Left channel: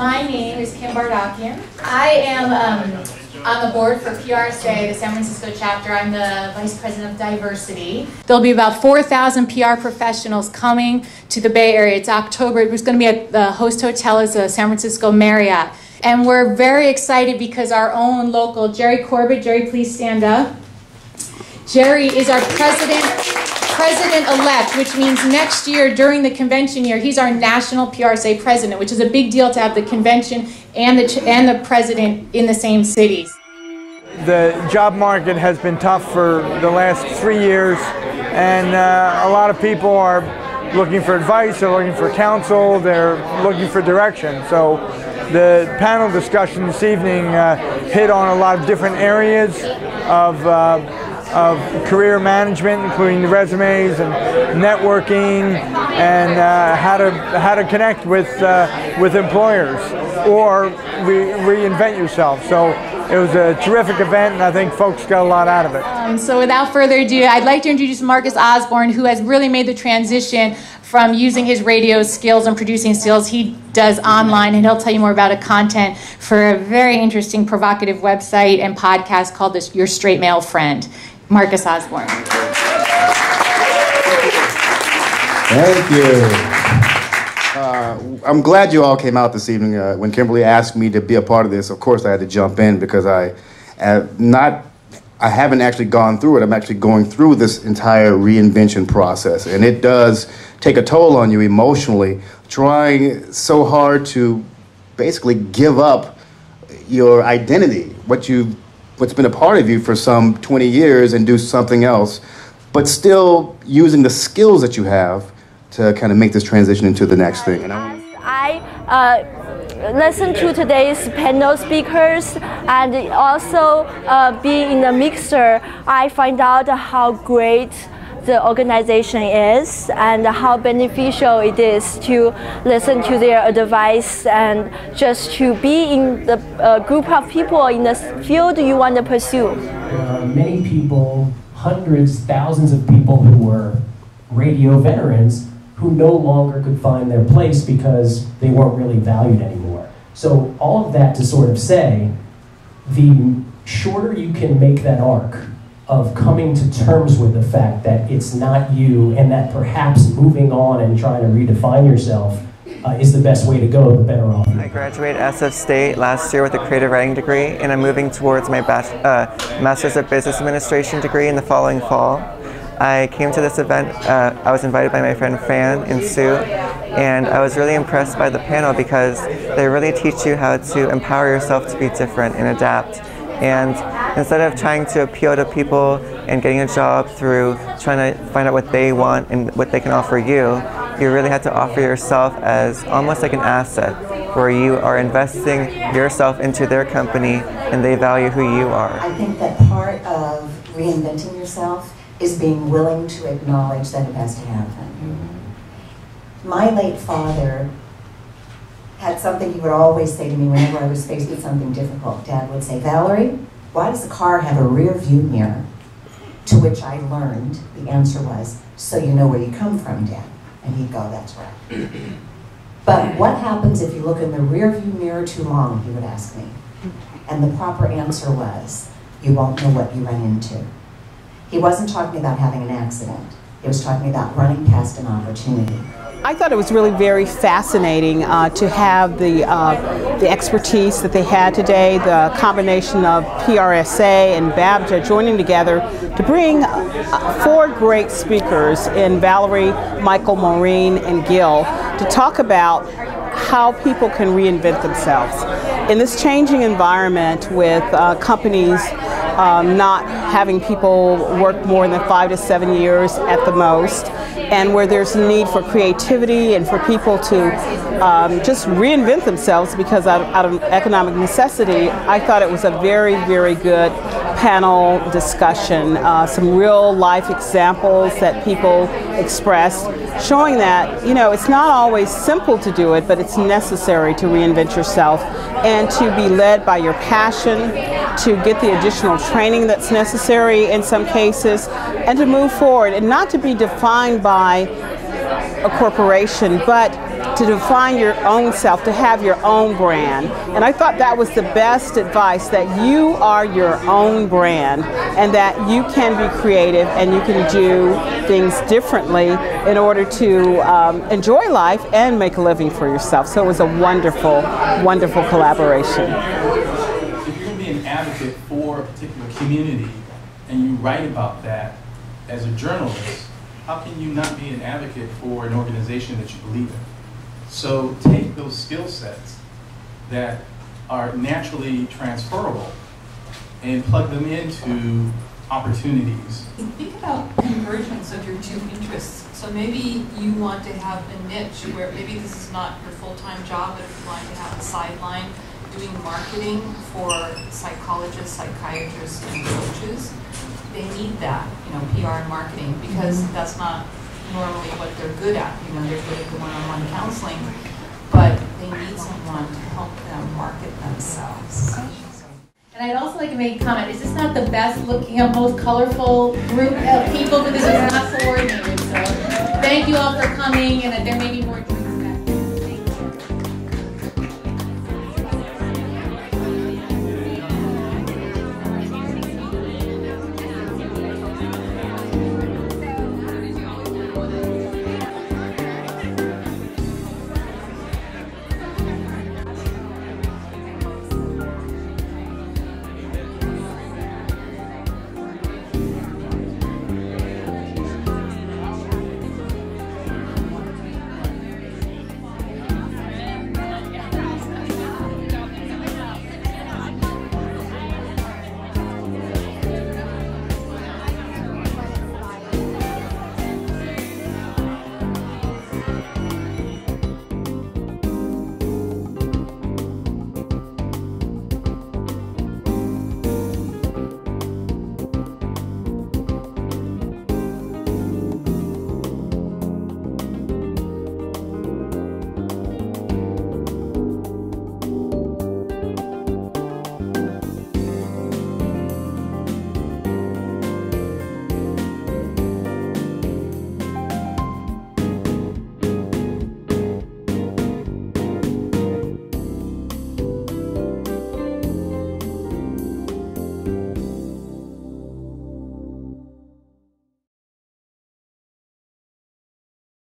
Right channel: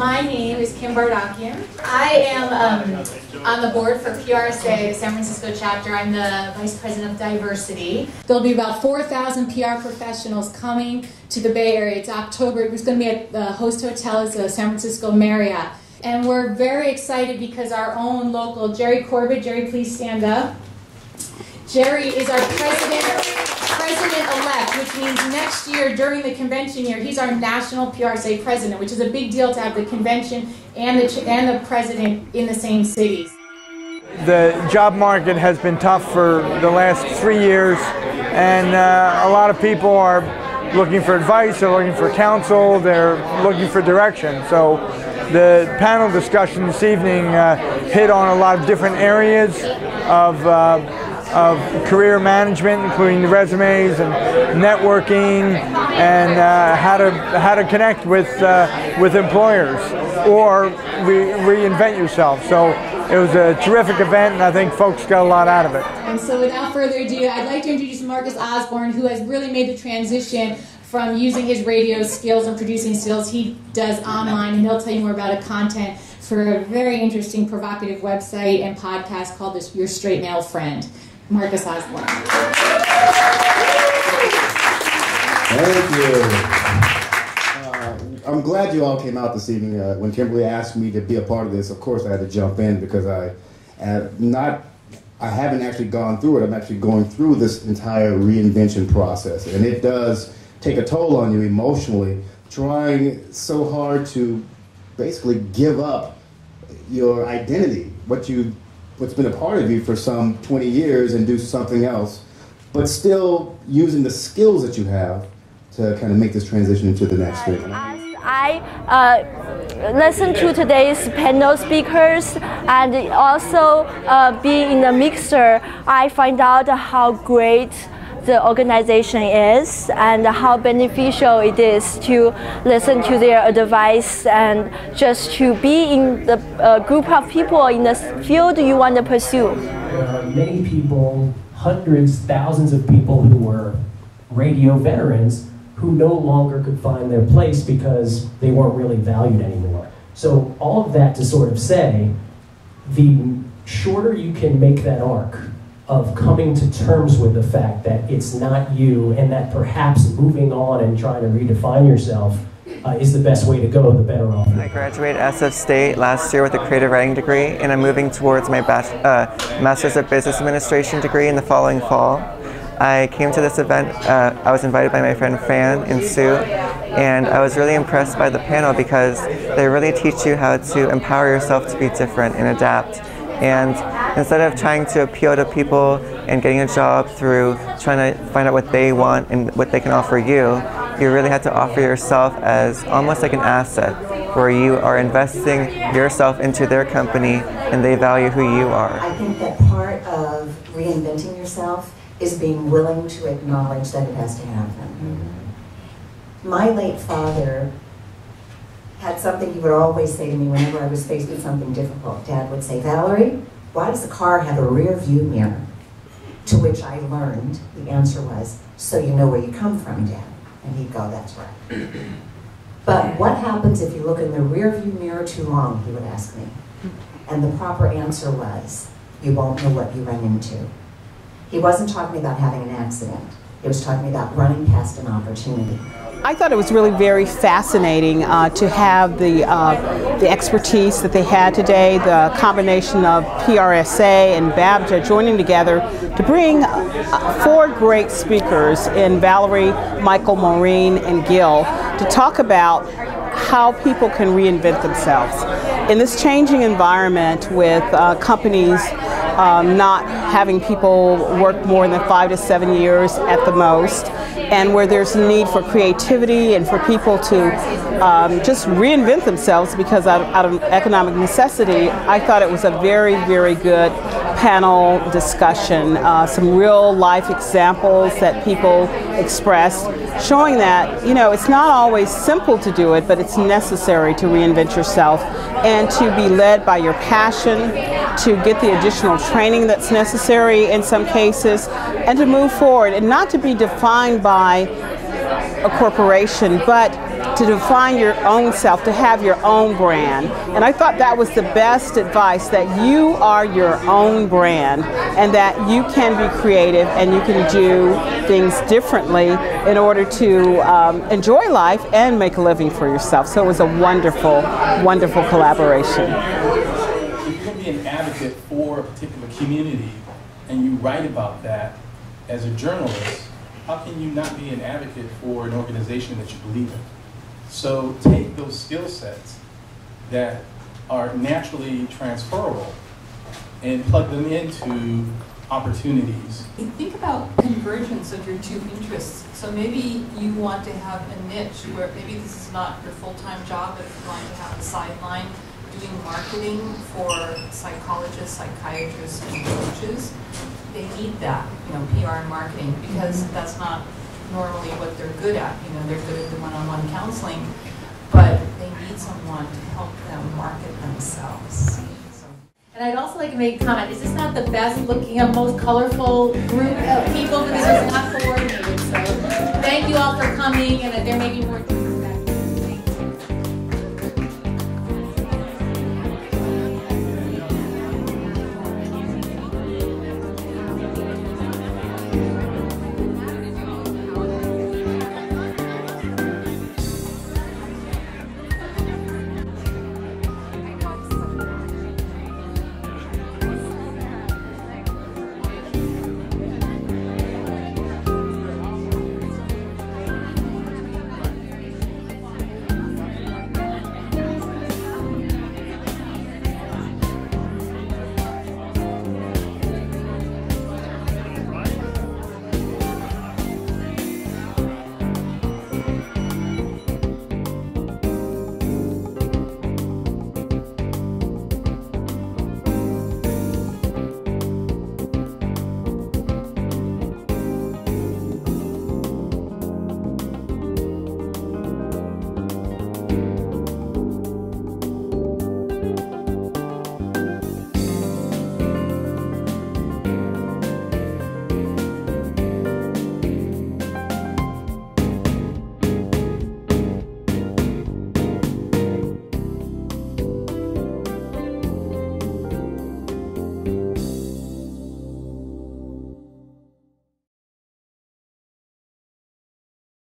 My name is Kim Bardakian. I am on the board for PRSA, the San Francisco chapter. I'm the Vice President of Diversity. There'll be about 4,000 PR professionals coming to the Bay Area. It's October. It's going to be at the host hotel is the San Francisco Marriott. And we're very excited because our own local, Jerry Corbett, Jerry, please stand up. Jerry is our president-elect, which means next year during the convention year, he's our national PRSA president, which is a big deal to have the convention and the president in the same cities. The job market has been tough for the last 3 years, and a lot of people are looking for advice, they're looking for counsel, they're looking for direction. So the panel discussion this evening hit on a lot of different areas of career management, including the resumes and networking, and how to connect with employers or reinvent yourself. So it was a terrific event, and I think folks got a lot out of it. So without further ado, I'd like to introduce Marcus Osborne, who has really made the transition from using his radio skills and producing skills he does online, and he'll tell you more about a content for a very interesting, provocative website and podcast called Your Straight Male Friend. Marcus Osborne. Thank you. I'm glad you all came out this evening. When Kimberly asked me to be a part of this, of course I had to jump in because I haven't actually gone through it. I'm actually going through this entire reinvention process, and it does take a toll on you emotionally, trying so hard to basically give up your identity, what's been a part of you for some 20 years, and do something else, but still using the skills that you have to kind of make this transition into the next thing. I listened to today's panel speakers, and also being in the mixer, I find out how great the organization is and how beneficial it is to listen to their advice and just to be in the group of people in the field you want to pursue. There are many people, hundreds, thousands of people who were radio veterans who no longer could find their place because they weren't really valued anymore. So all of that to sort of say, the shorter you can make that arc of coming to terms with the fact that it's not you, and that perhaps moving on and trying to redefine yourself is the best way to go, the better off. I graduated SF State last year with a creative writing degree, and I'm moving towards my Master's of Business Administration degree in the following fall. I came to this event, I was invited by my friend Fran and Sue, and I was really impressed by the panel because they really teach you how to empower yourself to be different and adapt. And instead of trying to appeal to people and getting a job through trying to find out what they want and what they can offer you, you really have to offer yourself as almost like an asset, where you are investing yourself into their company and they value who you are. I think that part of reinventing yourself is being willing to acknowledge that it has to happen. My late father had something he would always say to me whenever I was faced with something difficult. Dad would say, "Valerie, why does the car have a rear view mirror?" To which I learned the answer was, "So you know where you come from, Dad." And he'd go, "That's right." But what happens if you look in the rear view mirror too long, he would ask me. And the proper answer was, you won't know what you run into. He wasn't talking about having an accident. He was talking about running past an opportunity. I thought it was really very fascinating to have the expertise that they had today, the combination of PRSA and BABJA joining together to bring 4 great speakers in Valerie, Michael, Maureen, and Gill to talk about how people can reinvent themselves. In this changing environment with companies not having people work more than 5 to 7 years at the most, and where there's a need for creativity and for people to just reinvent themselves because out of economic necessity, I thought it was a very, very good panel discussion. Some real life examples that people expressed, showing that, you know, it's not always simple to do it, but it's necessary to reinvent yourself and to be led by your passion, to get the additional training that's necessary in some cases, and to move forward and not to be defined by a corporation, but to define your own self, to have your own brand. And I thought that was the best advice, that you are your own brand and that you can be creative and you can do things differently in order to enjoy life and make a living for yourself. So it was a wonderful, wonderful collaboration. If you're going to be an advocate for a particular community and you write about that as a journalist, how can you not be an advocate for an organization that you believe in? So take those skill sets that are naturally transferable and plug them into opportunities. Think about convergence of your two interests. So maybe you want to have a niche where maybe this is not your full-time job, but if you want to have a sideline doing marketing for psychologists, psychiatrists, and coaches, they need that, PR and marketing, because that's not normally what they're good at. They're good at the one-on-one counseling, but they need someone to help them market themselves. And I'd also like to make a comment, is this not the best looking and most colorful group of people? Because this was not coordinated. So thank you all for coming, and there may be more